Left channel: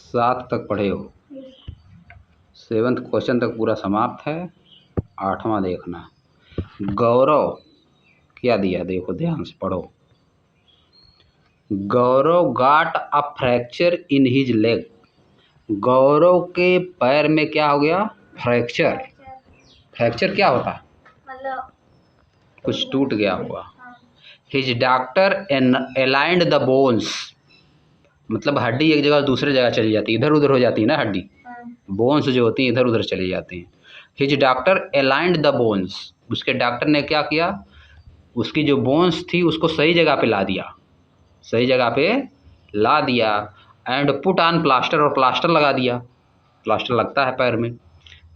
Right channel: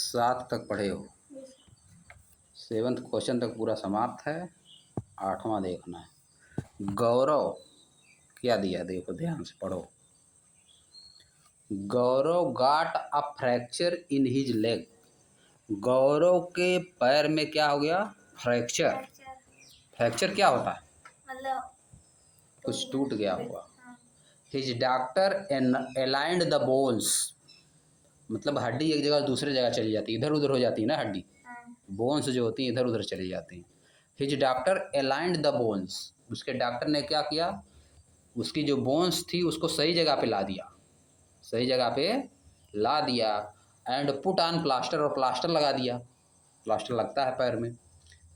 7 तक पढ़े हो, 7th क्वेश्चन तक पूरा समाप्त है। 8वां देखना। गौरव क्या दिया, देखो ध्यान से पढ़ो। Gaurav got a fracture in his leg. Gaurav के पैर में क्या हो गया? फ्रैक्चर। फ्रैक्चर क्या होता है? मतलब कुछ टूट गया होगा। His doctor aligned the bones, मतलब हड्डी एक जगह दूसरे जगह चली जाती है, इधर उधर हो जाती है ना हड्डी। बोन्स जो होती है इधर उधर चली जाती हैं। His doctor aligned the bones, उसके डॉक्टर ने क्या किया? उसकी जो बोन्स थी उसको सही जगह पे ला दिया, सही जगह पे ला दिया। एंड पुट ऑन प्लास्टर, और प्लास्टर लगा दिया। प्लास्टर लगता है पैर में।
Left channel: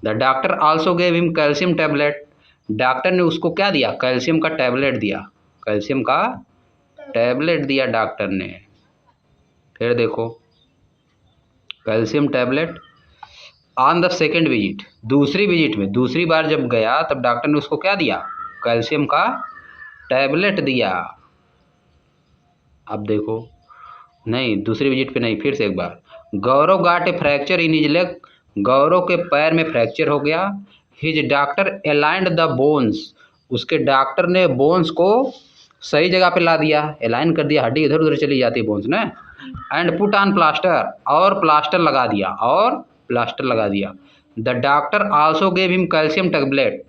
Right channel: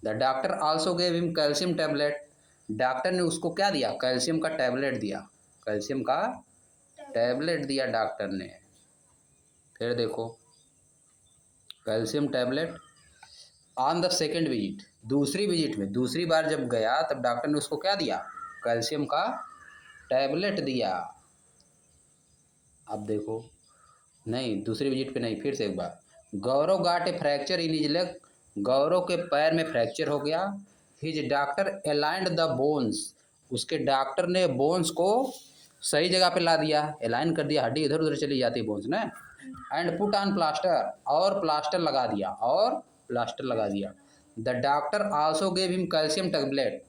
The doctor also gave him calcium tablet. Doctor ने उसको क्या दिया? कैल्शियम का टैबलेट दिया। कैल्शियम का टैबलेट दिया डॉक्टर ने। फिर देखो calcium tablet on the second visit, दूसरी विजिट में, दूसरी बार जब गया तब डॉक्टर ने उसको क्या दिया? कैल्शियम का टैबलेट दिया। अब देखो, नहीं दूसरी विजिट पे नहीं, फिर से एक बार। गौरव गाट ए fracture in his leg, Gaurav के पैर में फ्रैक्चर हो गया। His doctor aligned the bones, उसके डॉक्टर ने बोन्स को सही जगह पे ला दिया, अलाइन कर दिया, हड्डी इधर उधर चली जाती है बोन्स ने। एंड पुट ऑन प्लास्टर, और प्लास्टर लगा दिया, और प्लास्टर लगा दिया। The doctor also gave him calcium tablet,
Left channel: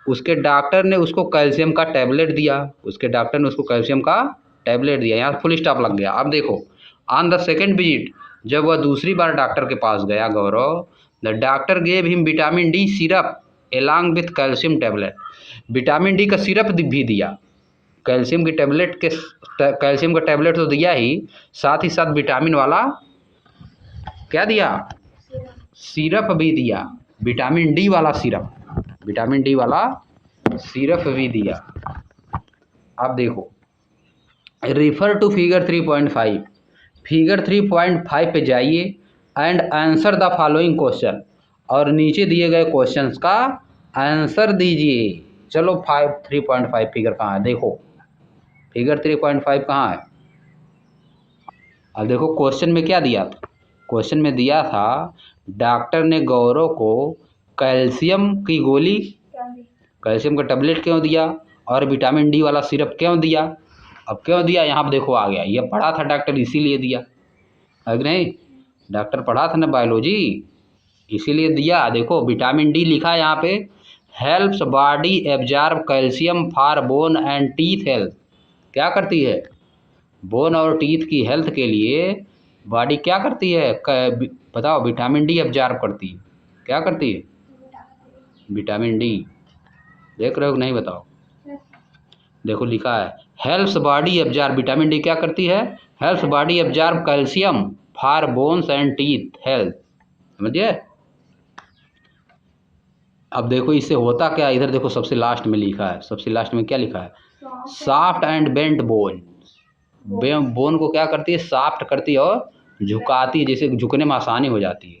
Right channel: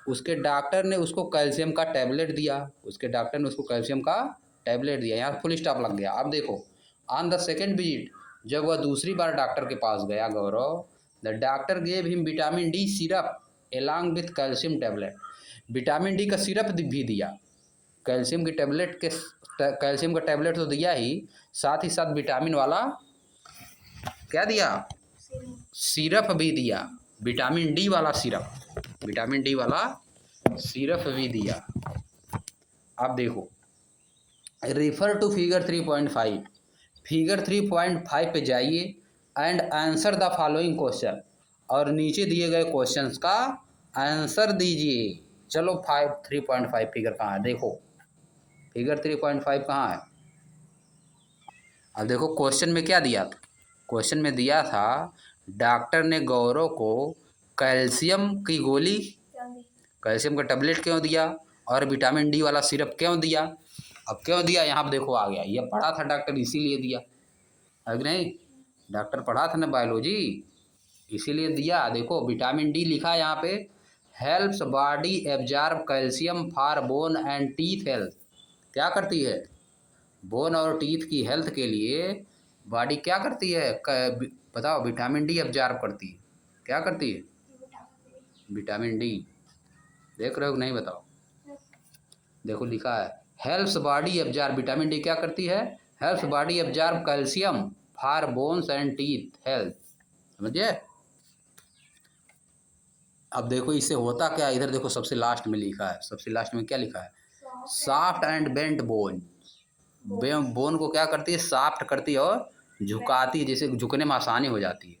उसके डॉक्टर ने उसको कैल्शियम का टैबलेट दिया, उसके डॉक्टर ने उसको कैल्शियम का टैबलेट दिया। यहाँ फुल स्टॉप लग गया। अब देखो ऑन द सेकेंड विजिट, जब वह दूसरी बार डॉक्टर के पास गया Gaurav, the doctor gave him vitamin D syrup along with calcium tablet, vitamin D का सिरप भी दिया। कैल्शियम की टैबलेट के, कैल्शियम का टैबलेट तो दिया ही, साथ विटामिन वाला क्या दिया? सिरप भी दिया, विटामिन डी वाला सिरप, विटामिन डी वाला सिरप भी दिया। अब देखो रिफर टू फिगर 3.5, फिगर 3.5 पे जाइए and answer the following question, और नीचे दिए गए क्वेश्चंस का आंसर दीजिए। चलो 3.5 फिगर कहाँ है? देखो फिगर 3.5 कहाँ है? अब देखो क्वेश्चन में क्या दिया था? क्वेश्चन में दिया था डॉक्टर ने गौरव को कैल्शियम की गोली, कैल्शियम का टैबलेट क्यों दिया, और विटामिन डी वाला सिरप क्यों दिया? अब क्यों दिया यहाँ पर देखो आ गया, ये पढ़ा था डॉक्टर इसीलिए दिया है कि नहीं? डॉक्टर पढ़ा था ना बायोलॉजी, इसीलिए दिया। देखो विटामिन डी लिखा है यहाँ पे, helps body absorb calcium for bone and teeth health. क्या करती है? बोन और टीथ की हेल्थ के लिए बॉडी क्या करती है? बताओ, विटामिन डी एब्जॉर्ब करती है। क्या करती है? Vitamin D. देख रहे हो कि नहीं बताओ? देखो लिखा है helps body absorb, vitamin D क्या करती है? Helps body absorb calcium for bones and teeth health. समझिए? अब देखो इससे होता क्या, इधर देखो सबसे लास्ट में लिखा है, सबसे लास्ट में क्या लिखा है? Soft and bent bone. Bone को क्या करती है? सॉफ्ट करती है और झुकाती है, जैसे झुकने में आसानी हो जाती है,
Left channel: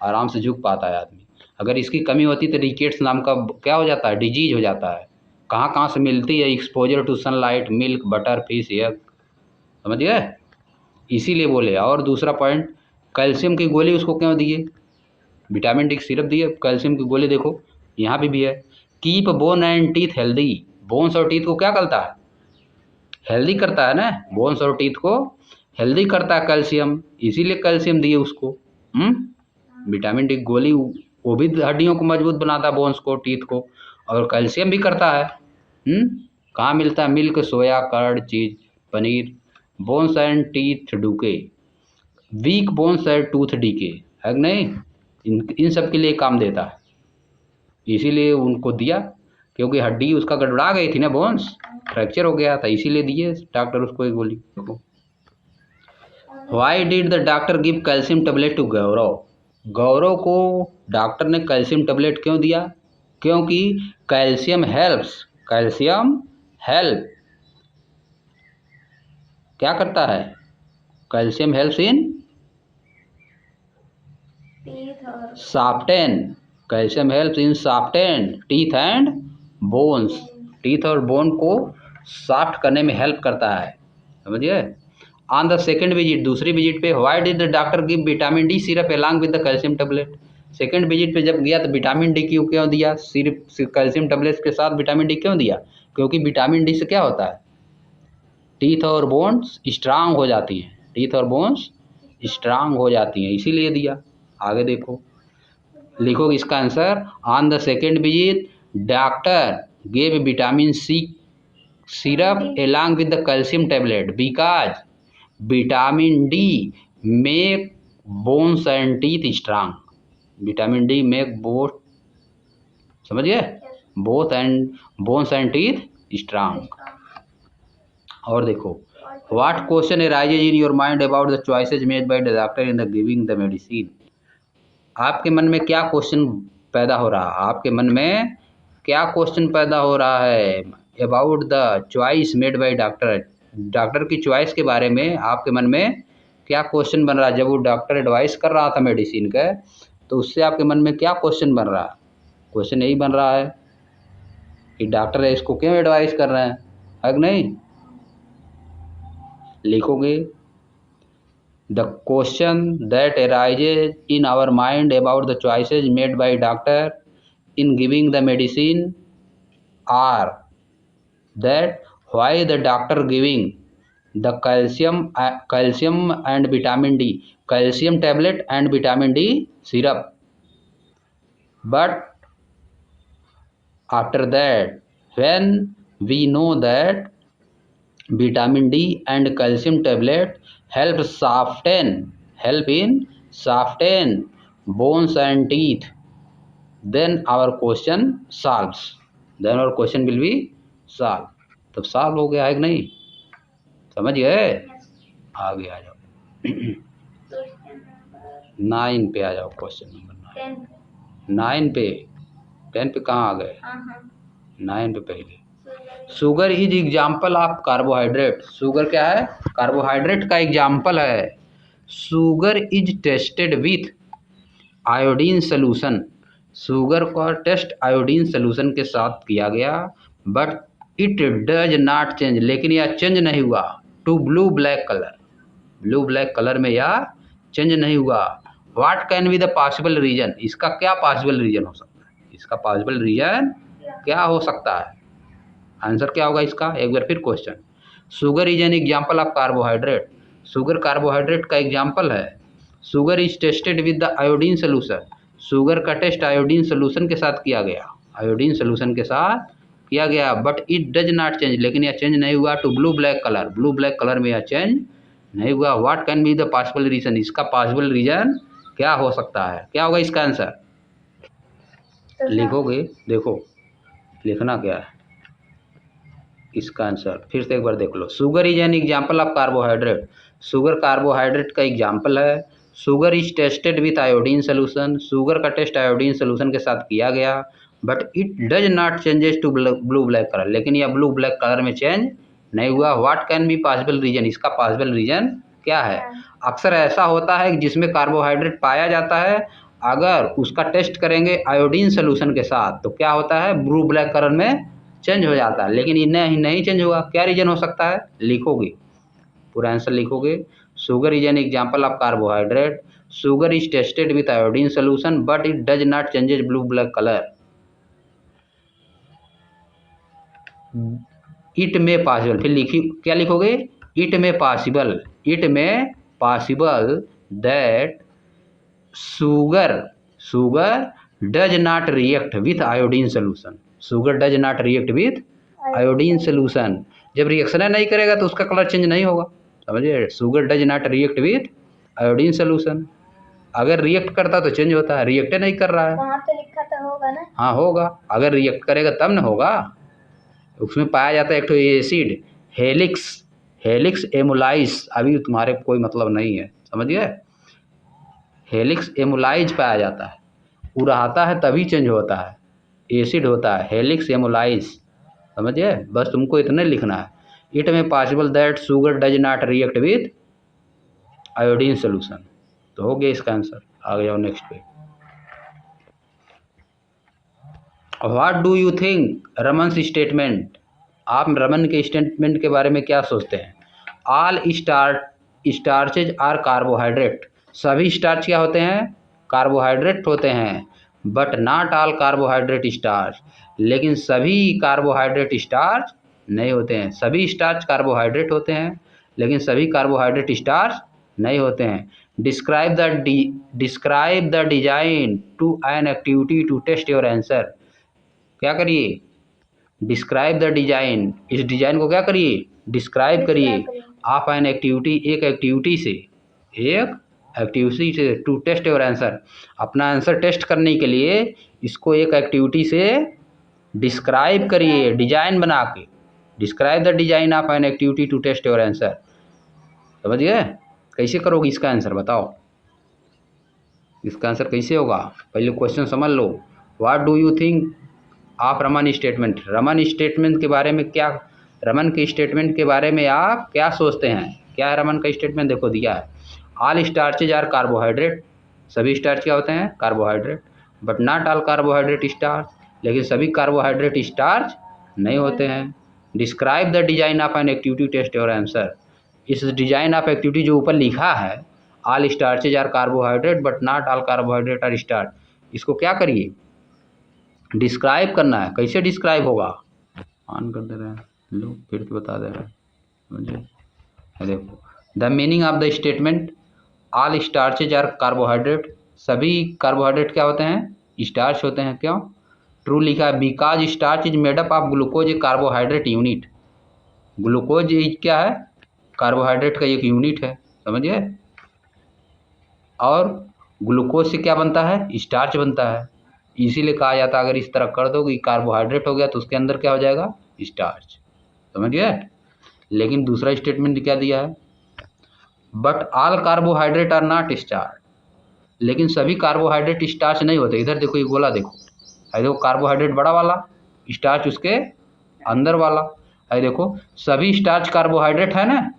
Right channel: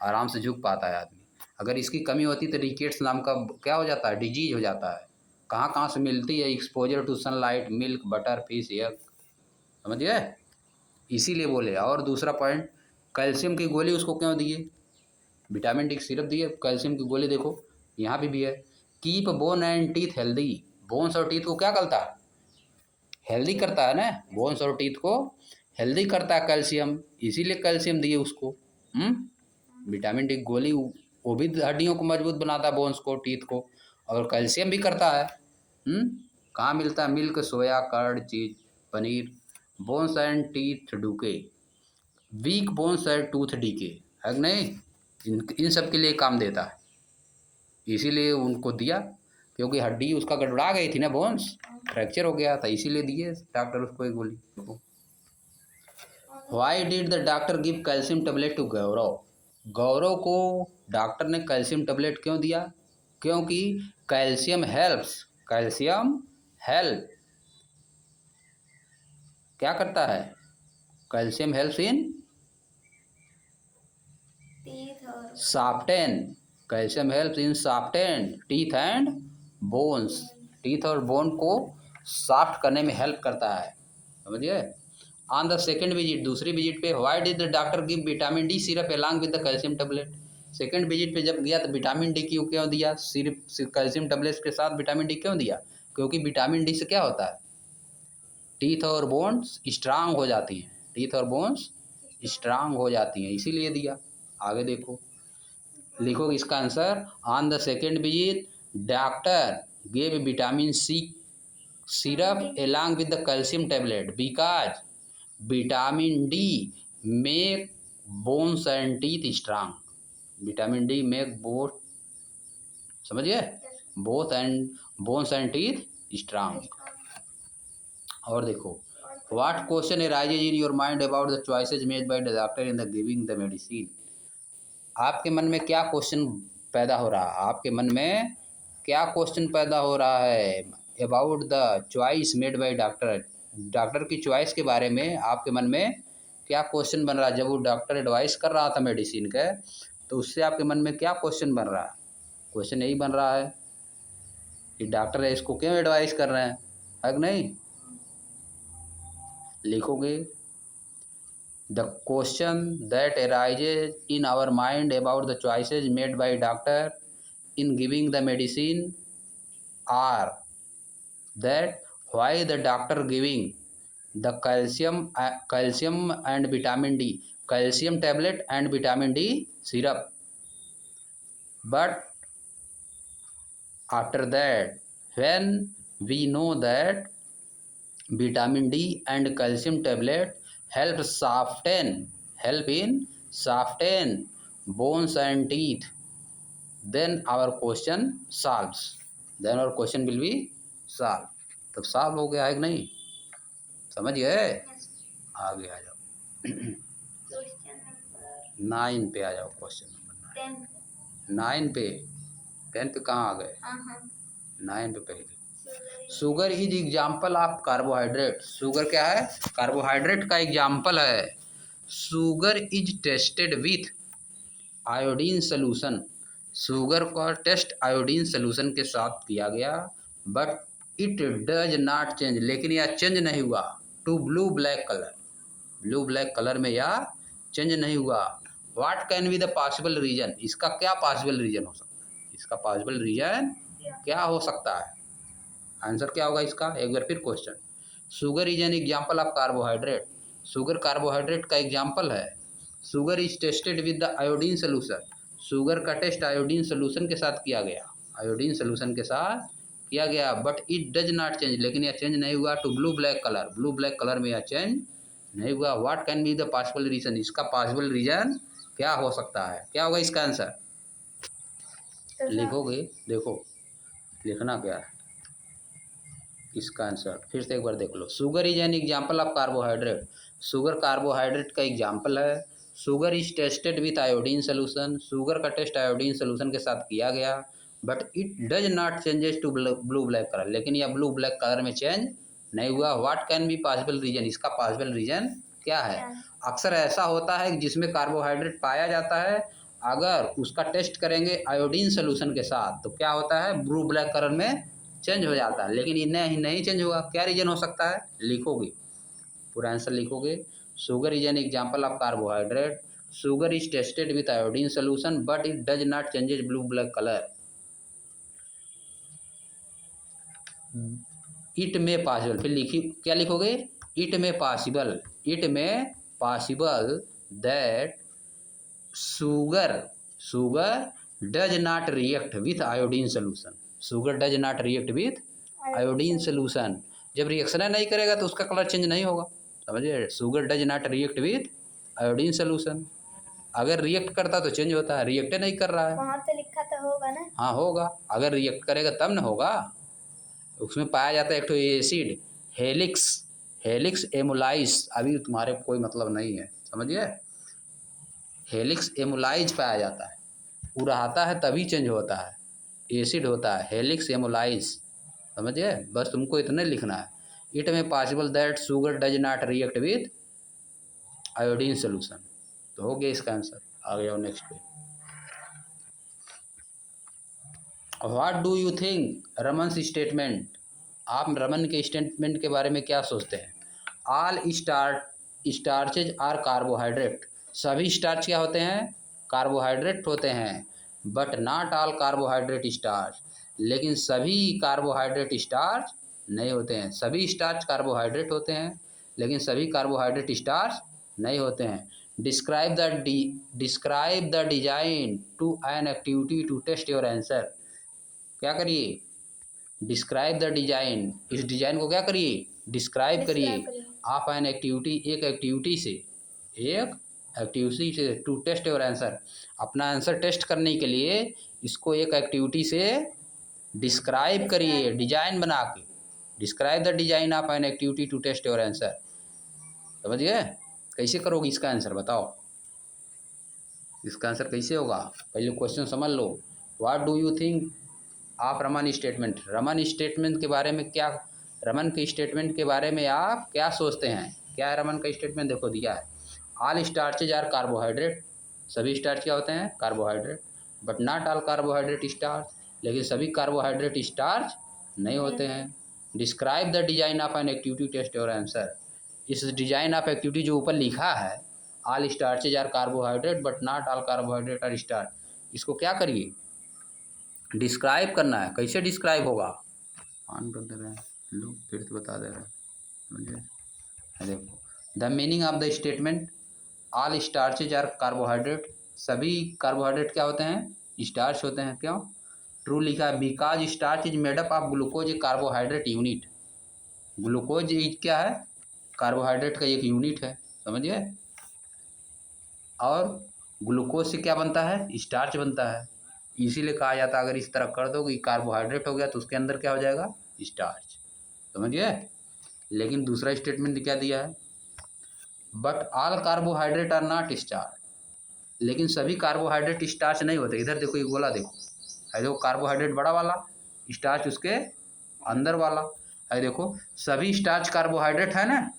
आराम से झुक पाता है आदमी। अगर इसकी कमी होती तो रिकेट्स नाम का क्या हो जाता है? डिजीज हो जाता है। कहाँ कहाँ से मिलती है? Exposure to sunlight, milk, butter, fish, egg. समझ गए? इसीलिए बोले। और दूसरा पॉइंट, कैल्शियम की गोली उसको क्यों दिए? विटामिन डी की सिरप दिए, कैल्शियम की गोली देखो यहाँ पे भी है। Keep bone and teeth healthy, bones और टीथ को क्या करता है? हेल्दी करता है ना, बोन्स और टीथ को हेल्दी करता है कैल्शियम, इसीलिए कैल्शियम दिए उसको। विटामिन डी गोली वो भी हड्डियों को मजबूत बनाता है, बोन्स को, टीथ को, और कैल्शियम भी करता है। कहाँ मिलता है? Milk, soya, curd, cheese, paneer. Bones and teeth decay, weak bones and tooth decay, है कि नहीं? इन सब के लिए काम देता है, इसीलिए उनको दिया, क्योंकि हड्डी उसका गड़बड़ा गई थी ना, बोन्स फ्रैक्चर हो गया था, इसीलिए दिए डॉक्टर उसको एक गोली। Why did the doctor give calcium tablet to Gaurav, Gaurav को डॉक्टर ने कैल्शियम टैबलेट क्यों दिया? क्योंकि कैल्शियम हेल्प्स, कैल्शियम हेल्प क्या करता है? Calcium helps in soften, calcium helps in soften teeth and bones, teeth और बोन को सॉफ्ट करने में हेल्प करता है। समझिए? ऑन द सेकेंड विजिट, दूसरी विजिट पे, why did the doctor give vitamin D syrup along with the calcium tablet. Second visit पे जब गया तो विटामिन डी क्यों क्यों दिया, सिर्फ कैल्शियम टेबलेट्स के साथ विटामिन डी क्यों दिया? क्योंकि विटामिन डी से क्या होता है, टीथ और बोन्स स्ट्रांग हो जाती हैं, टीथ और बोन्स स्ट्रांग हो जाती हैं, इसीलिए दिया। आगे देखो, लिखो इसका answer. On the second visit doctor gave vitamin C syrup along with the calcium tablet because vitamin D make bones and teeth strong। Vitamin D make both, समझ गए, both and bones and teeth strong. और देखो, what question arises in your mind about the choices made by the doctor in the giving the medicine. आपके मन में क्या question पैदा हो रहा है, आपके मन में क्या क्वेश्चन पैदा हो रहा है about the choice made by doctor, doctor की चॉइस के बारे में आपके मन में क्या क्वेश्चन बन रहा है। जब वो डॉक्टर एडवाइस कर रहा था मेडिसिन का, तो उससे आपके मन में क्या क्वेश्चन बन रहा है? क्वेश्चन यही बन रहा है कि डॉक्टर है इसको क्यों एडवाइस कर रहे हैं, है कि नहीं? लिखोगे, the question that arises in our mind about the choices made by doctor in giving the medicine are that why the doctor giving the calcium and vitamin D, calcium tablet and vitamin D syrup, but after that when we know that vitamin D and calcium tablet help in soften bones and teeth, then our question solves, then our question will be solve। तब solve हो गया है कि नहीं, समझ गए? आगे आ जाओ, 9 पे आ जाओ, क्वेश्चन नंबर 9 पे, 10 पे कहाँ आ गए, 9 पे पहले। Sugar is example of carbohydrate, sugar क्या है, कार्बोहाइड्रेट का एग्जाम्पल है। Sugar is tested with iodine solution, sugar का टेस्ट आयोडीन सोल्यूशन के साथ किया गया, but it does not change, लेकिन यह चेंज नहीं हुआ, to blue black colour, blue black colour में यह चेंज नहीं हुआ। What can be the possible reason, इसका क्या पॉसिबल रीजन हो सकता है, इसका पॉसिबल रीजन क्या हो सकता है? आंसर क्या होगा इसका, एक बार फिर question. Sugar is an example of carbohydrate, sugar carbohydrate का एग्जाम्पल है। Sugar is tested with the iodine solution, sugar का टेस्ट आयोडीन सोल्यूशन के साथ किया गया, आयोडीन सोल्यूशन के साथ किया गया, but it does not change, लेकिन यह चेंज नहीं हुआ, to blue black colour, blue black colour में यह चेंज नहीं हुआ। What can be the possible reason, इसका पॉसिबल रीजन क्या हो सकता है, क्या होगा इसका आंसर? लिखोगे, देखो लिखना क्या है इसका आंसर, फिर से एक बार देख लो। Sugar is an example of carbohydrate, sugar carbohydrate का एग्जाम्पल है। Sugar is tested with iodine solution, sugar का टेस्ट आयोडीन सोल्यूशन के साथ किया गया, but it does not changes to blue black colour, लेकिन यह ब्लू ब्लैक कलर में चेंज नहीं हुआ। What can be possible reason, इसका पॉसिबल रीजन क्या है? अक्सर ऐसा होता है जिसमें कार्बोहाइड्रेट पाया जाता है, अगर उसका टेस्ट करेंगे आयोडीन सोल्यूशन के साथ तो क्या होता है, ब्लू ब्लैक कलर में चेंज हो जाता है, लेकिन इन्हें नहीं चेंज हुआ। क्या रीजन हो सकता है, लिखोगे, पूरा आंसर लिखोगे। Sugar is an example of carbohydrate, sugar is tested with iodine solution, but it does not changes blue black colour. It में पॉसिबल, फिर लिखी क्या लिखोगे, इट में पॉसिबल, इट में possible that sugar does not react with iodine solution, sugar does not react with iodine solution, जब reaction नहीं करेगा तो उसका कलर चेंज नहीं होगा, समझिए। Sugar does not react with iodine solution, अगर रिएक्ट करता तो चेंज होता है, रिएक्ट नहीं कर रहा है, वहाँ पे लिखा तो होगा ना, हाँ होगा, अगर रिएक्ट करेगा तब ना होगा। उसमें पाया जाता है एक तो एसिड हेलिक्स एमुलाइस, अभी तुम्हारे कोई मतलब नहीं है, समझिए, हेलिक्स एमुलाइज पाया जाता है, वो रहता है तभी चेंज होता है, एसिड होता है हेलिक्स एमुलाइज, समझिए, बस तुमको इतने लिखना है। इट में possible that sugar does not react with iodine solution, तो हो गया इसका आंसर। आगे जाओ नेक्स्ट पे। What do you think Raman statement, आप रमन के स्टेटमेंट के बारे में क्या सोचते हैं? ऑल स्टार्चेज आर कार्बोहाइड्रेट, सभी स्टार्च क्या होते हैं? कार्बोहाइड्रेट होते हैं। But not all carbohydrate starch, लेकिन सभी कार्बोहाइड्रेट स्टार्च नहीं होते हैं। सभी स्टार्च कार्बोहाइड्रेट होते हैं, लेकिन सभी कार्बोहाइड्रेट स्टार्च नहीं होते हैं। Describe the design to an activity to test your answer. क्या करिए? डिस्क्राइब द डिजाइन, इस डिजाइन को क्या करिए? डिस्क्राइब करिए। आप एन एक्टिविटी, एक एक्टिविटी से टू टेस्ट योर आंसर, अपना आंसर टेस्ट करने के लिए इसको एक एक्टिविटी से डिस्क्राइब करिए, डिजाइन बना के। Describe the design of an activity to test your answer. समझ गए? कैसे करोगे इसका आंसर बताओ? इसका आंसर कैसे होगा? पहले क्वेश्चन समझ लो। What do you think of Raman statement? Raman statement के बारे में क्या, रमन के स्टेटमेंट के बारे में आप क्या सोचते हैं? क्या है रमन का स्टेटमेंट? देखो दिया है, ऑल स्टार्चेज आर कार्बोहाइड्रेट, सभी स्टार्च क्या होते हैं? Carbohydrate. But not all carbohydrate starch, लेकिन सभी कार्बोहाइड्रेट स्टार्च नहीं होते हैं। Describe the design of an activity test your answer, इस डिजाइन ऑफ एक्टिविटी जो ऊपर लिखा है, all starches are carbohydrate but not all carbohydrate are starch, इसको क्या करिए? डिस्क्राइब करना है। कैसे डिस्क्राइब होगा? ऑन कर दे रहे हैं, लो फिर से बता दे रहे हैं मुझे। देखो, the meaning of the statement, all starches are carbohydrate, सभी कार्बोहाइड्रेट क्या होते हैं? स्टार्च होते हैं। क्यों? ट्रू लिखा है, because starch is made up of glucose, A carbohydrate unit. Glucose क्या है? कार्बोहाइड्रेट का एक यूनिट है, समझिए। और ग्लूकोज से क्या बनता है? स्टार्च बनता है। इसीलिए कहा जाता है अगर इस तरह कर दो कि कार्बोहाइड्रेट हो गया तो उसके अंदर क्या हो जाएगा? स्टार्च। समझ गए? लेकिन दूसरा स्टेटमेंट क्या दिया है? But all carbohydrate are not starch, लेकिन सभी कार्बोहाइड्रेट स्टार्च नहीं होते। इधर देखो, ये गोला देखो, है देखो, कार्बोहाइड्रेट बड़ा वाला, स्टार्च उसके अंदर वाला। है देखो, सभी स्टार्च कार्बोहाइड्रेट है ना,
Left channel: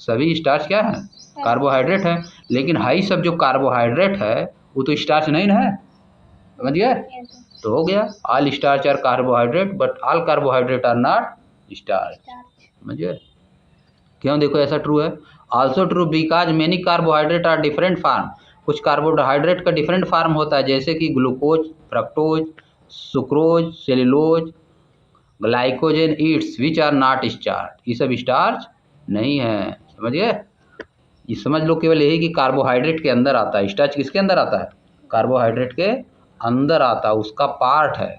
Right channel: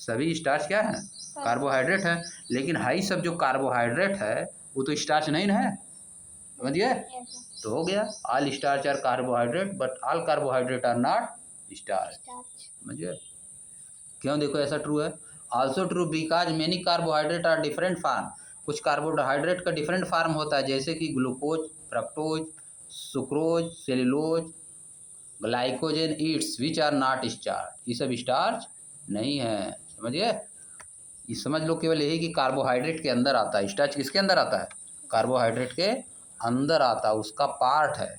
सभी स्टार्च क्या है? कार्बोहाइड्रेट है। लेकिन हाई सब जो कार्बोहाइड्रेट है वो तो स्टार्च नहीं ना है। समझ गया? तो हो गया, all starch are carbohydrate but all carbohydrate are not starch. समझ गए? क्यों? देखो ऐसा ट्रू है। Also true because many carbohydrate are different form, कुछ कार्बोहाइड्रेट का डिफरेंट फार्म होता है, जैसे कि glucose, fructose, sucrose, cellulose, glycogen it's which are not starch, ये सब स्टार्च नहीं है। समझ गए? ये समझ लो केवल यही कि कार्बोहाइड्रेट के अंदर आता है, स्टार्च किसके अंदर आता है? कार्बोहाइड्रेट के अंदर आता है, उसका पार्ट है।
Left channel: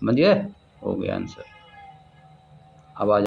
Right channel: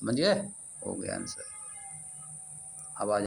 समझिए? हो गया आंसर। अब आ